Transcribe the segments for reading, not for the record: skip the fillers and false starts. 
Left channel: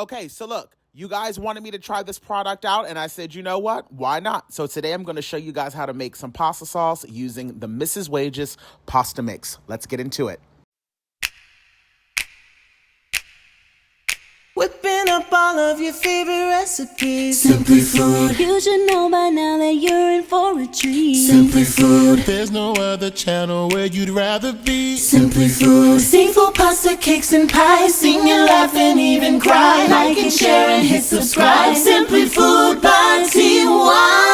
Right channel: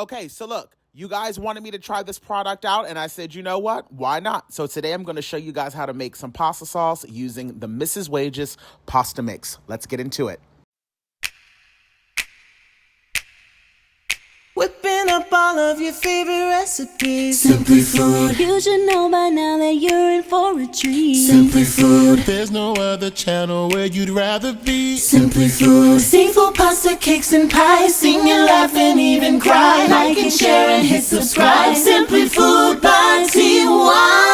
Okay, so look, you guys wanted me to try this product out, and I said, you know what? Why not? So today I'm going to show you guys how to make some pasta sauce using the Mrs. Wages pasta mix. Let's get into it. Whipping up all of your favorite recipes. Simply Food. You should know by now that you're in for a treat. Simply Food. There's no other channel where you'd rather be. Simply Food. Seafood, pasta, cakes, and pies. Sing and laugh and even cry. Like and share and hit subscribe. Simply Food by TY.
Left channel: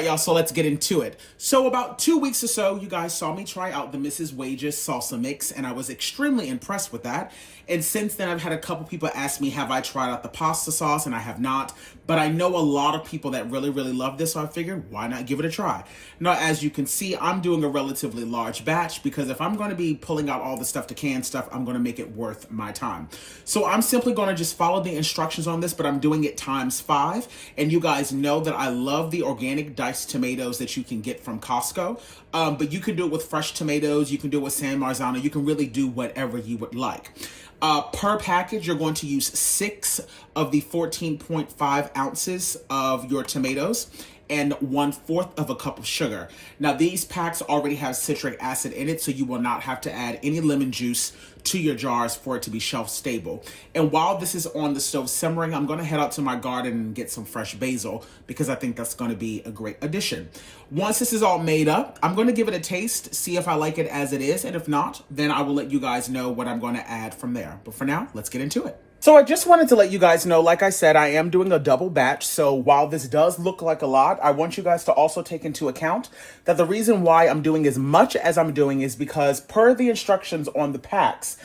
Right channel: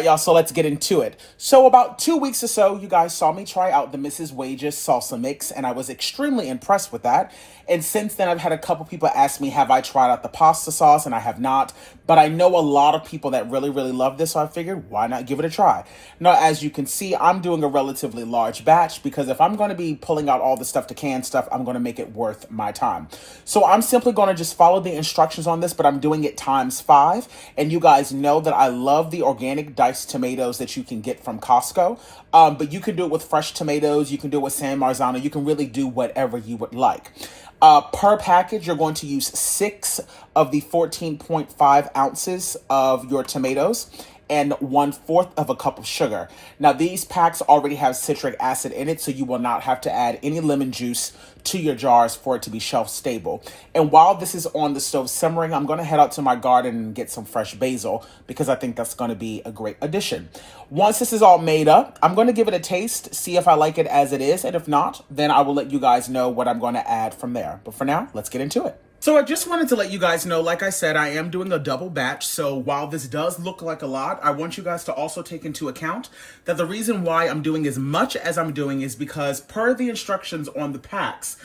Y'all, so let's get into it. So about 2 weeks or so, you guys saw me try out the Mrs. Wages salsa mix, and I was extremely impressed with that. And since then, I've had a couple people ask me, have I tried out the pasta sauce? And I have not. But I know a lot of people that really, really love this, so I figured, why not give it a try? Now, as you can see, I'm doing a relatively large batch because if I'm going to be pulling out all the stuff to can stuff, I'm going to make it worth my time. So I'm simply going to just follow the instructions on this, but I'm doing it ×5. And you guys know that I love the organic diced tomatoes that you can get from Costco. But you can do it with fresh tomatoes. You can do it with San Marzano. You can really do whatever you would like. Per package, you're going to use 6 of the 14.5 ounces of your tomatoes and 1/4 of a cup of sugar. Now, these packs already have citric acid in it, so you will not have to add any lemon juice to your jars for it to be shelf stable. And while this is on the stove simmering, I'm going to head out to my garden and get some fresh basil because I think that's going to be a great addition. Once this is all made up, I'm going to give it a taste, see if I like it as it is, and if not, then I will let you guys know what I'm going to add from there. But for now, let's get into it. So I just wanted to let you guys know, like I said, I am doing a double batch. So while this does look like a lot, I want you guys to also take into account that the reason why I'm doing as much as I'm doing is because per the instructions on the packs,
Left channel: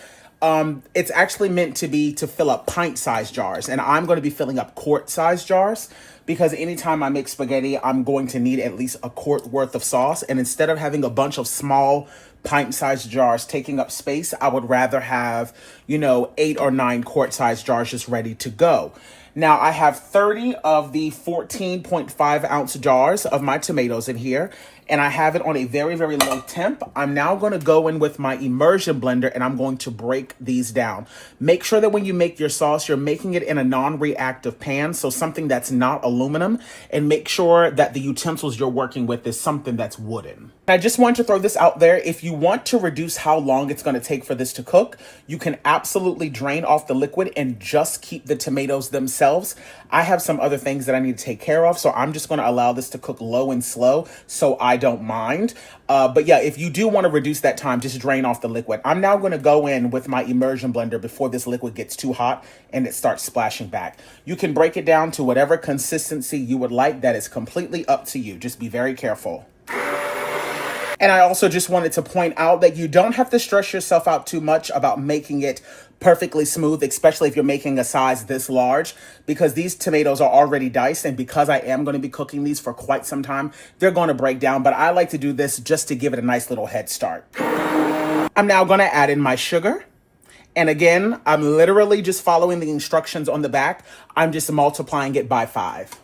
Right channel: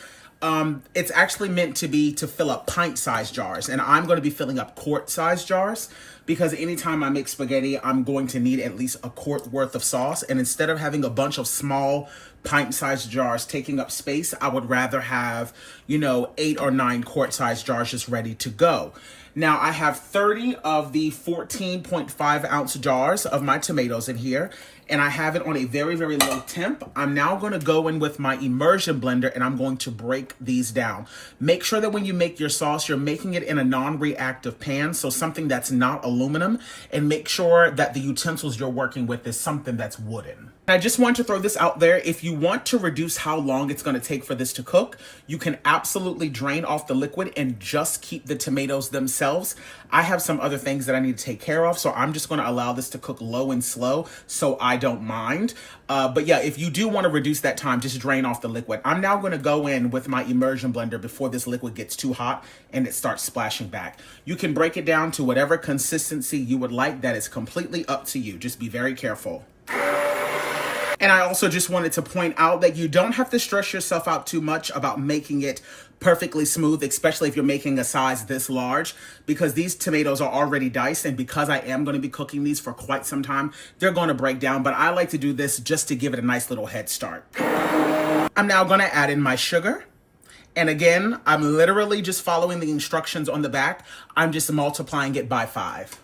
it's actually meant to be to fill up pint-sized jars. And I'm going to be filling up quart-sized jars because anytime I make spaghetti, I'm going to need at least a quart worth of sauce. And instead of having a bunch of small pint-sized jars taking up space, I would rather have, 8 or 9 quart-sized jars just ready to go. Now, I have 30 of the 14.5 ounce jars of my tomatoes in here, and I have it on a very, very low temp. I'm now going to go in with my immersion blender, and I'm going to break these down. Make sure that when you make your sauce, you're making it in a non-reactive pan, so something that's not aluminum, and make sure that the utensils you're working with is something that's wooden. I just want to throw this out there. If you want to reduce how long it's going to take for this to cook, you can absolutely drain off the liquid and just keep the tomatoes themselves. I have some other things that I need to take care of, so I'm just going to allow this to cook low and slow so I don't mind. But yeah, if you do want to reduce that time, just drain off the liquid. I'm now going to go in with my immersion blender before this liquid gets too hot and it starts splashing back. You can break it down to whatever consistency you would like. That is completely up to you. Just be very careful. And I also just wanted to point out that you don't have to stress yourself out too much about making it perfectly smooth, especially if you're making a size this large, because these tomatoes are already diced, and because I am going to be cooking these for quite some time, they're going to break down, but I like to do this just to give it a nice little head start. I'm now going to add in my sugar. And again, I'm literally just following the instructions on the back. I'm just multiplying it by 5.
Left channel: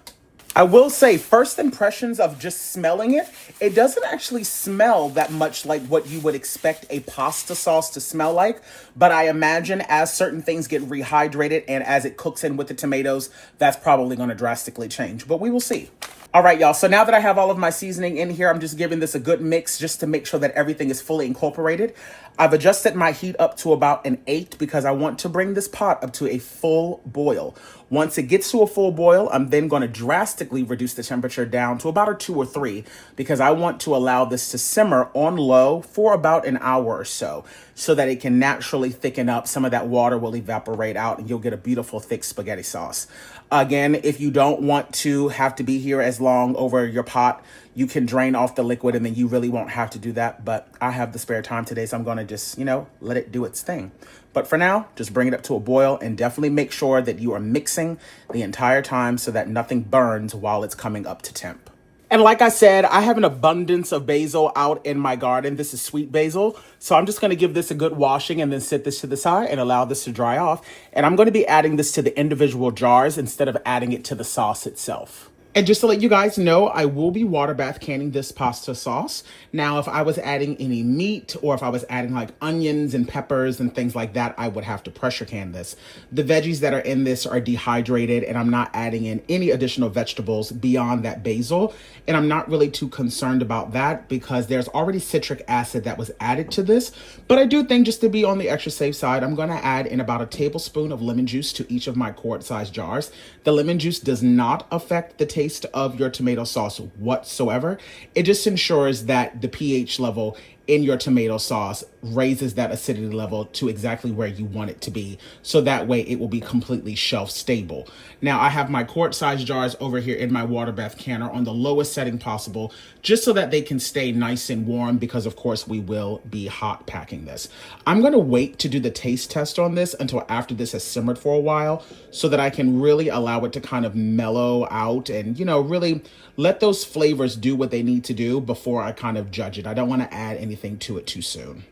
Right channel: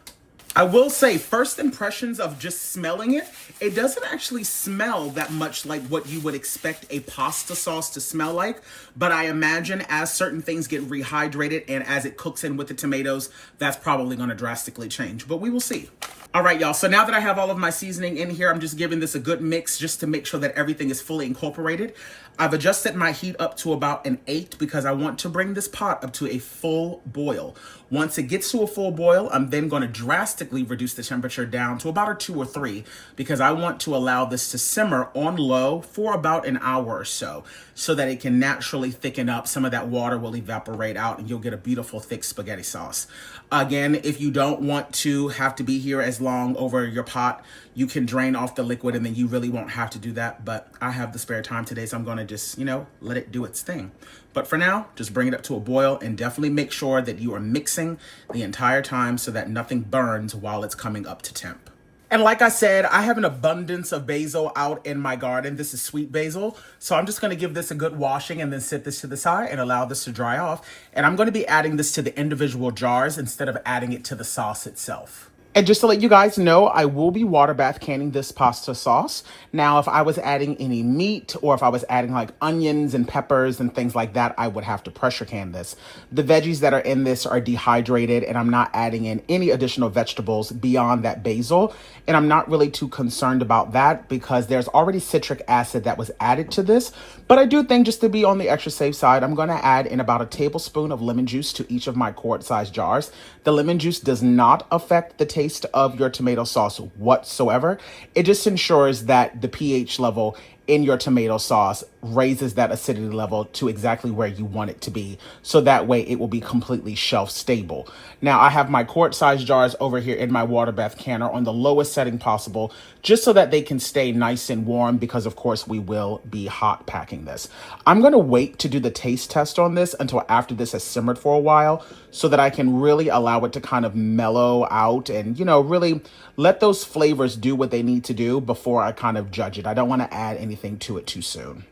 I will say, first impressions of just smelling it, it doesn't actually smell that much like what you would expect a pasta sauce to smell like. But I imagine as certain things get rehydrated and as it cooks in with the tomatoes, that's probably going to drastically change. But we will see. All right, y'all. So now that I have all of my seasoning in here, I'm just giving this a good mix just to make sure that everything is fully incorporated. I've adjusted my heat up to about an 8 because I want to bring this pot up to a full boil. Once it gets to a full boil, I'm then going to drastically reduce the temperature down to about a 2 or 3 because I want to allow this to simmer on low for about an hour or so that it can naturally thicken up. Some of that water will evaporate out and you'll get a beautiful thick spaghetti sauce. Again, if you don't want to have to be here as long over your pot, you can drain off the liquid and then you really won't have to do that. But I have the spare time today, so I'm going to just, let it do its thing. But for now, just bring it up to a boil and definitely make sure that you are mixing the entire time so that nothing burns while it's coming up to temp. And like I said, I have an abundance of basil out in my garden. This is sweet basil. So I'm just going to give this a good washing and then set this to the side and allow this to dry off. And I'm going to be adding this to the individual jars instead of adding it to the sauce itself. And just to let you guys know, I will be water bath canning this pasta sauce. Now, if I was adding any meat or if I was adding like onions and peppers and things like that, I would have to pressure can this. The veggies that are in this are dehydrated and I'm not adding in any additional vegetables beyond that basil. And I'm not really too concerned about that because there's already citric acid that was added to this. But I do think just to be on the extra safe side, I'm going to add in about a tablespoon of lemon juice to each of my quart-sized jars. The lemon juice does not affect the taste of your tomato sauce whatsoever. It just ensures that the pH level in your tomato sauce raises that acidity level to exactly where you want it to be. So that way it will be completely shelf stable. Now I have my quart size jars over here in my water bath canner on the lowest setting possible, just so that they can stay nice and warm because of course we will be hot packing this. I'm gonna wait to do the taste test on this until after this has simmered for a while so that I can really allow it to kind of mellow out and, you know, really let those flavors do what they need to do before I kind of judge it. I don't want to add anything to it too soon.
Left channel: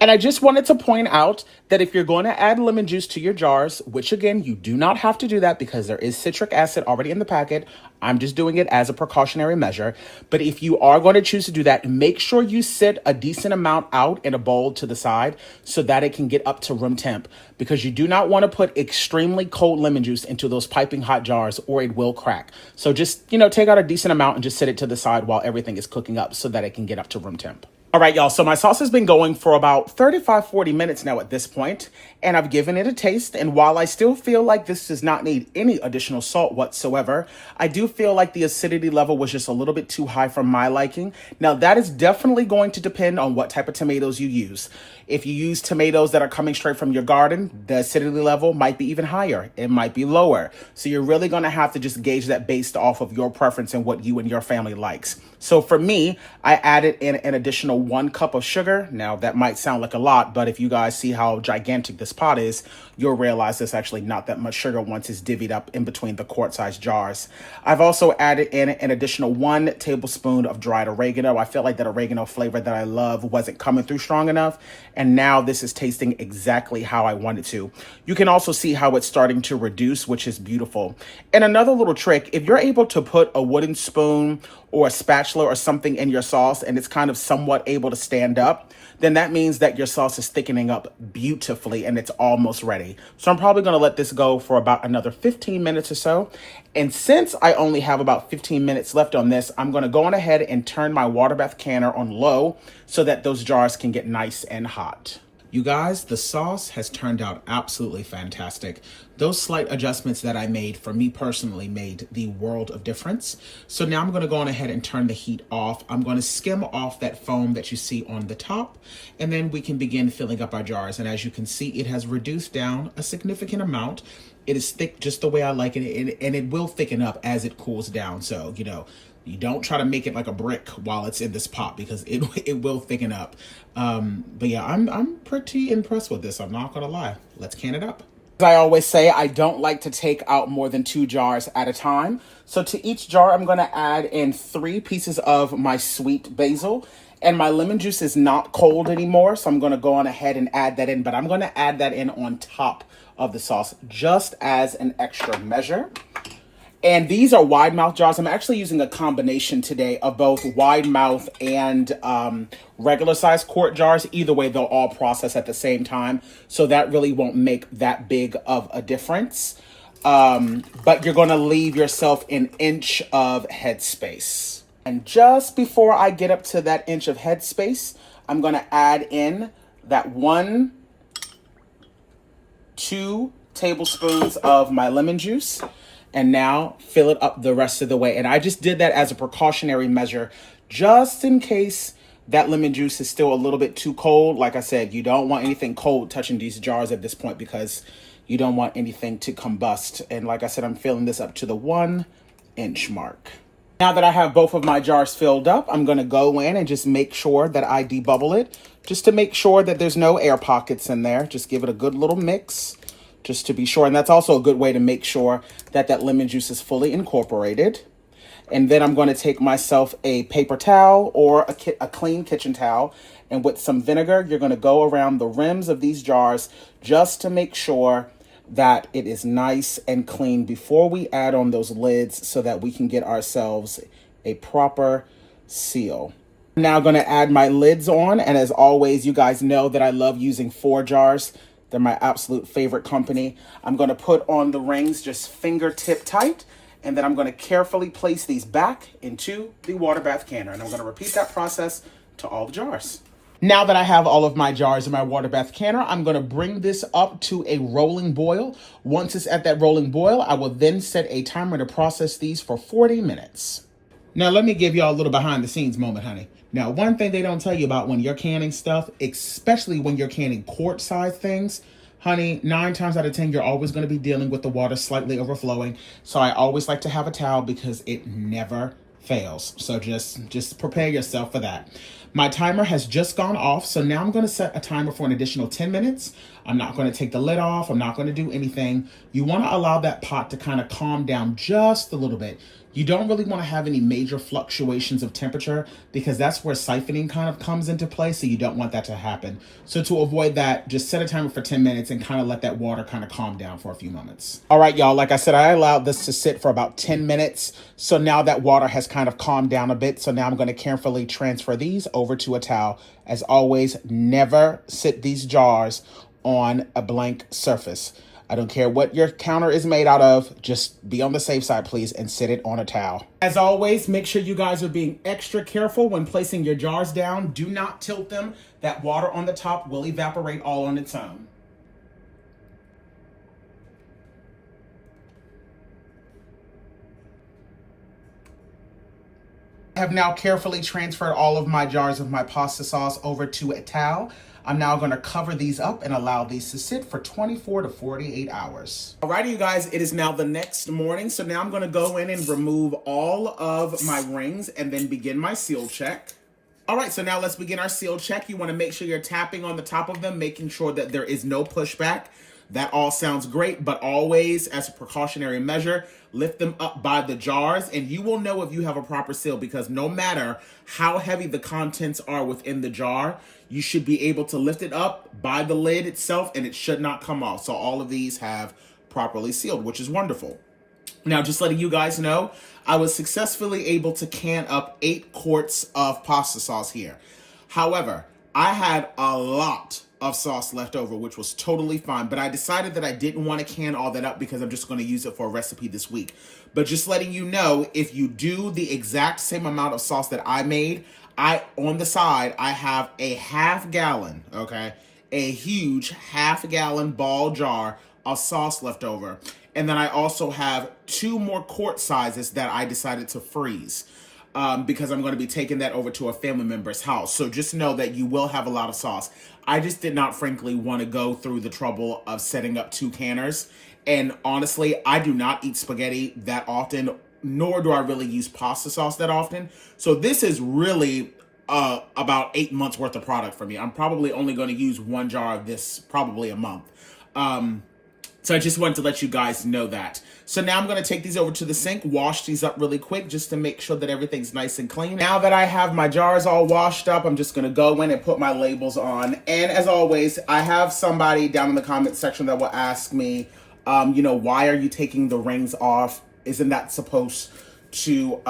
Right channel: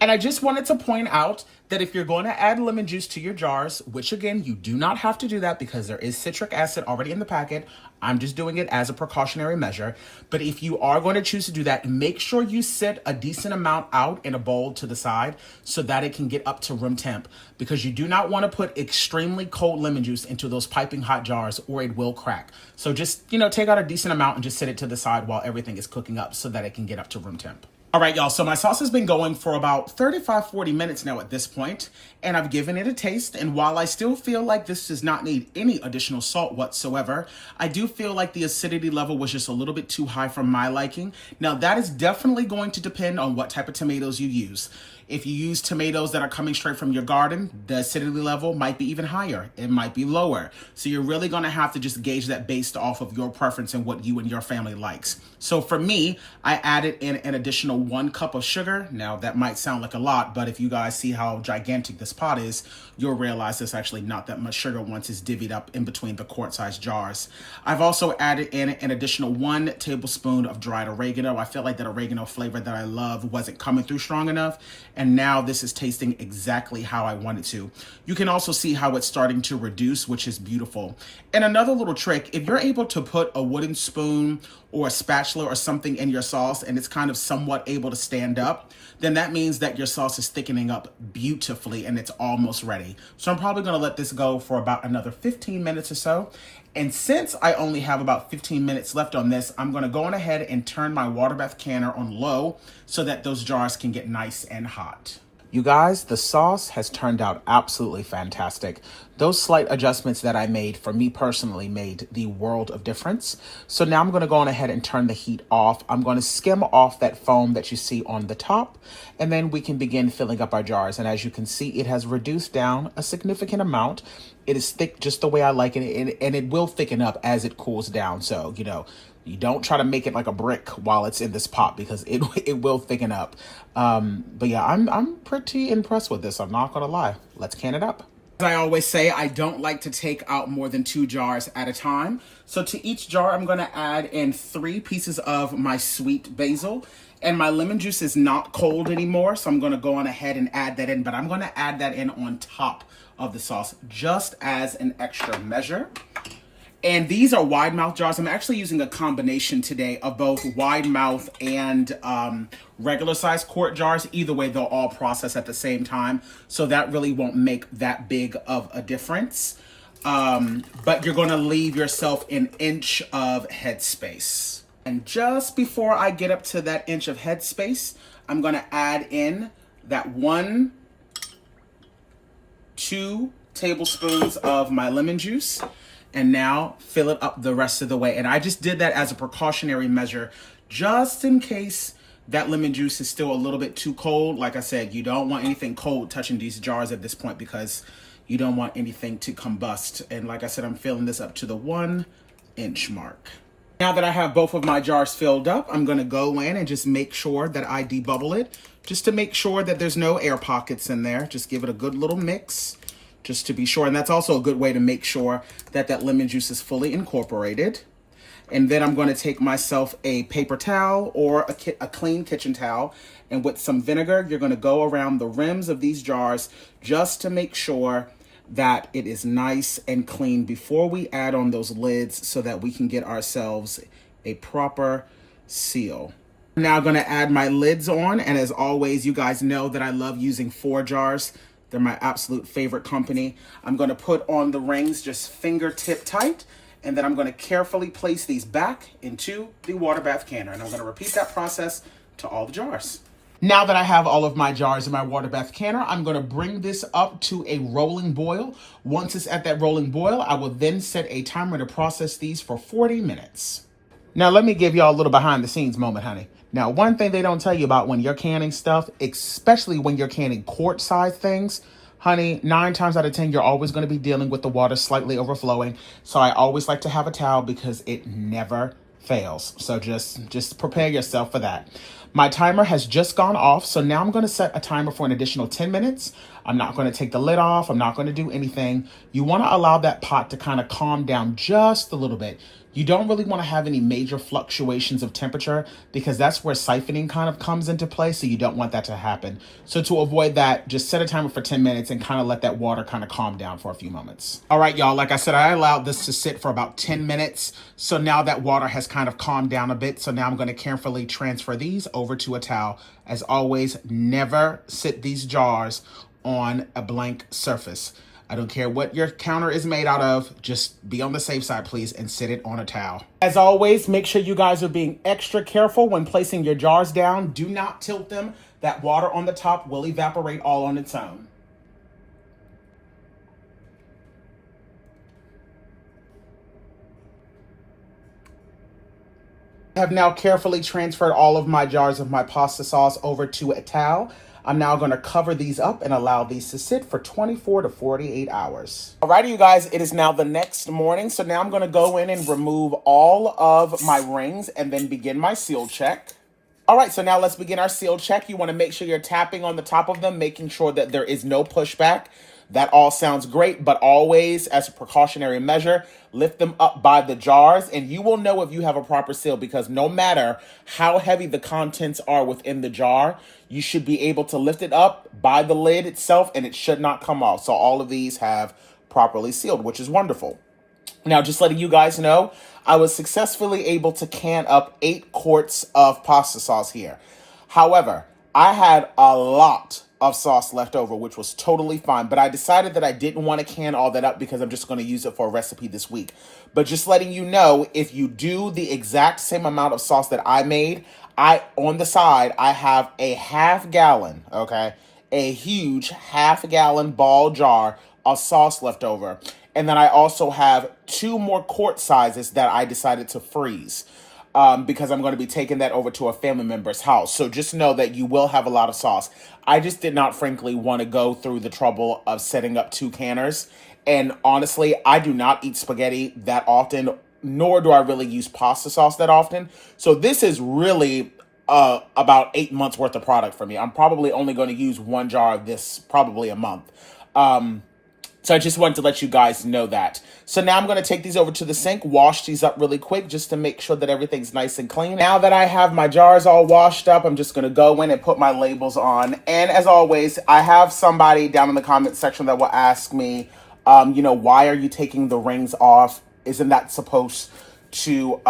And I just wanted to point out that if you're going to add lemon juice to your jars, which again, you do not have to do that because there is citric acid already in the packet. I'm just doing it as a precautionary measure. But if you are going to choose to do that, make sure you set a decent amount out in a bowl to the side so that it can get up to room temp, because you do not want to put extremely cold lemon juice into those piping hot jars or it will crack. So just, you know, take out a decent amount and just set it to the side while everything is cooking up so that it can get up to room temp. All right, y'all, so my sauce has been going for about 35-40 minutes now at this point, and I've given it a taste, and while I still feel like this does not need any additional salt whatsoever, I do feel like the acidity level was just a little bit too high for my liking. Now, that is definitely going to depend on what type of tomatoes you use. If you use tomatoes that are coming straight from your garden, the acidity level might be even higher. It might be lower. So you're really going to have to just gauge that based off of your preference and what you and your family likes. So for me, I added in an additional 1 cup of sugar. Now that might sound like a lot, but if you guys see how gigantic this pot is, you'll realize there's actually not that much sugar once it's divvied up in between the quart-sized jars. I've also added in an additional 1 tablespoon of dried oregano. I feel like that oregano flavor that I love wasn't coming through strong enough, and now this is tasting exactly how I want it to. You can also see how it's starting to reduce, which is beautiful. And another little trick, if you're able to put a wooden spoon or a spatula or something in your sauce and it's kind of somewhat able to stand up, then that means that your sauce is thickening up beautifully and it's almost ready. So I'm probably gonna let this go for about another 15 minutes or so. And since I only have about 15 minutes left on this, I'm gonna go on ahead and turn my water bath canner on low so that those jars can get nice and hot. You guys, the sauce has turned out absolutely fantastic. Those slight adjustments that I made for me personally made the world of difference. So now I'm going to go on ahead and turn the heat off. I'm going to skim off that foam that you see on the top, and then we can begin filling up our jars. And as you can see, it has reduced down a significant amount. It is thick just the way I like it, and it will thicken up as it cools down. So, you know, you don't try to make it like a brick while it's in this pot because it will thicken up. But yeah, I'm pretty impressed with this. I'm not gonna lie. Let's can it up. As I always say, I don't like to take out more than 2 jars at a time. So to each jar, I'm gonna add in 3 pieces of my sweet basil. And my lemon juice is not cold anymore, so I'm gonna go on ahead and add that in, but I'm gonna add that in on top of the sauce just as an extra measure. And these are wide mouth jars. I'm actually using a combination today of both wide mouth and regular size quart jars. Either way, they'll all process at the same time. So that really won't make that big of a difference. But you're going to leave yourself an inch of headspace. And just before I get up to that inch of headspace, I'm going to add in that 2 tablespoons of my lemon juice. And now fill it up the rest of the way. And I just did that as a precautionary measure, just in case that lemon juice is still a little bit too cold. Like I said, you don't want anything cold touching these jars at this point because you don't want anything to combust. And like I said, I'm filling this up to the 1 inch mark. Now that I have both of my jars filled up, I'm gonna go in and just make sure that I debubble it, just to make sure that there's no air pockets in there. Just give it a good little mix, just to be sure. And that's also a good way to make sure that that lemon juice is fully incorporated. And then I'm going to take myself a paper towel or a clean kitchen towel, and with some vinegar, you're going to go around the rims of these jars just to make sure that it is nice and clean before we add on those lids so that we can get ourselves a proper seal. I'm now going to add my lids on, and as always, you guys know that I love using 4 jars. They're my absolute favorite company. I'm going to put on the rings just fingertip tight, and then I'm going to carefully place these back into the water bath canner, and I'm going to repeat that process to all the jars. Now that I have all of my jars in my water bath canner, I'm going to bring this up to a rolling boil. Once it's at that rolling boil, I will then set a timer to process these for 40 minutes. Now, let me give y'all a little behind the scenes moment, honey. Now, one thing they don't tell you about when you're canning stuff, especially when you're canning quart size things, honey, 9 times out of 10, you're always going to be dealing with the water slightly overflowing. So I always like to have a towel because it never fails. So just prepare yourself for that. My timer has just gone off, so now I'm going to set a timer for an additional 10 minutes. I'm not going to take the lid off. I'm not going to do anything. You want to allow that pot to kind of calm down just a little bit. You don't really want to have any major fluctuations of temperature because that's where siphoning kind of comes into play, so you don't want that to happen. So to avoid that, just set a timer for 10 minutes and kind of let that water kind of calm down for a few moments. All right, y'all, like I said, I allowed this to sit for about 10 minutes. So now that water has kind of calmed down a bit. So now I'm going to carefully transfer these over to a towel. As always, never sit these jars on a blank surface. I don't care what your counter is made out of, just be on the safe side, please, and sit it on a towel. As always, make sure you guys are being extra careful when placing your jars down. Do not tilt them. That water on the top will evaporate all on its own. I have now carefully transferred all of my jars of my pasta sauce over to a towel. I'm now going to cover these up and allow these to sit for 24 to 48 hours. Alrighty, you guys, it is now the next morning. So now I'm going to go in and remove all of my rings and then begin my seal check. All right, so now let's begin our seal check. You want to make sure you're tapping on the top of them, making sure that there is no pushback. That all sounds great, but always, as a precautionary measure, lift them up by the jars, and you will know if you have a proper seal because no matter how heavy the contents are within the jar, you should be able to lift it up by the lid itself, and it should not come off. So all of these have properly sealed, which is wonderful. Now, just letting you guys know, I was successfully able to can up 8 quarts of pasta sauce here. However, I had a lot of sauce left over, which was totally fine, but I decided that I didn't want to can all that up because I'm just going to use it for a recipe this week. But just letting you know, if you do the exact same amount of sauce that I made, on the side, I have a half gallon, okay? A huge half gallon ball jar of sauce left over. And then I also have 2 more quart sizes that I decided to freeze. Because I'm going to be taking that over to a family member's house. So just know that you will have a lot of sauce. I just did not, frankly, want to go through the trouble of setting up 2 canners. And honestly, I do not eat spaghetti that often, nor do I really use pasta sauce that often. So this is really about 8 months worth of product for me. I'm probably only going to use 1 jar of this probably a month. So I just wanted to let you guys know that. So now I'm going to take these over to the sink, wash these up really quick just to make sure that everything's nice and clean. Now that I have my jars all washed up, I'm just going to go in and put my labels on. And as always, I have somebody down in the comment section that will ask me, why are you taking the rings off? Isn't that supposed to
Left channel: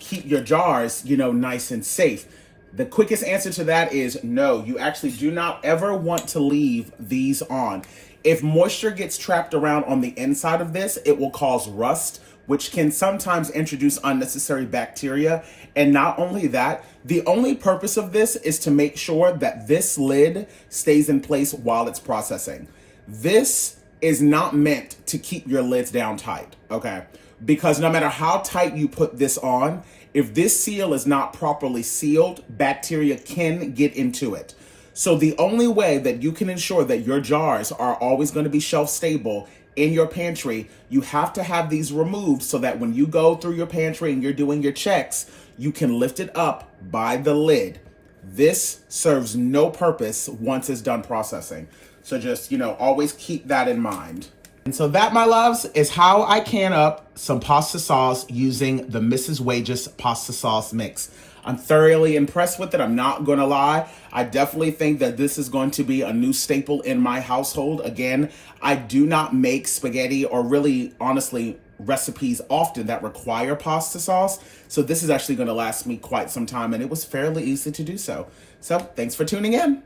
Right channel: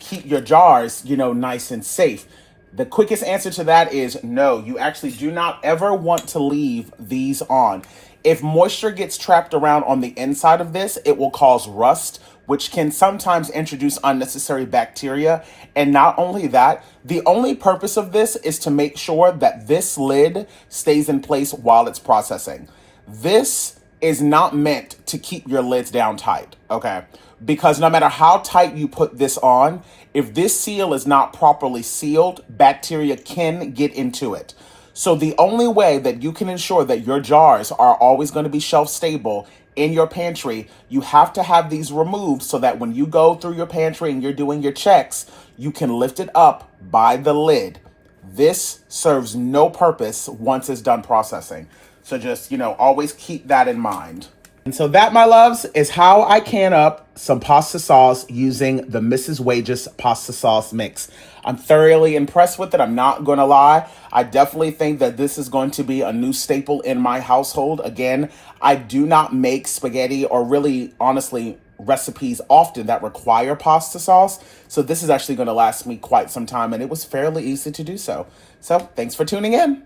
keep your jars, nice and safe? The quickest answer to that is no. You actually do not ever want to leave these on. If moisture gets trapped around on the inside of this, it will cause rust, which can sometimes introduce unnecessary bacteria. And not only that, the only purpose of this is to make sure that this lid stays in place while it's processing. This is not meant to keep your lids down tight, okay? Because no matter how tight you put this on, if this seal is not properly sealed, bacteria can get into it. So the only way that you can ensure that your jars are always going to be shelf stable in your pantry, you have to have these removed so that when you go through your pantry and you're doing your checks, you can lift it up by the lid. This serves no purpose once it's done processing. So just, always keep that in mind. And so that, my loves, is how I can up some pasta sauce using the Mrs. Wages pasta sauce mix. I'm thoroughly impressed with it. I'm not going to lie. I definitely think that this is going to be a new staple in my household. Again, I do not make spaghetti or really, honestly, recipes often that require pasta sauce. So this is actually going to last me quite some time, and it was fairly easy to do so. So thanks for tuning in.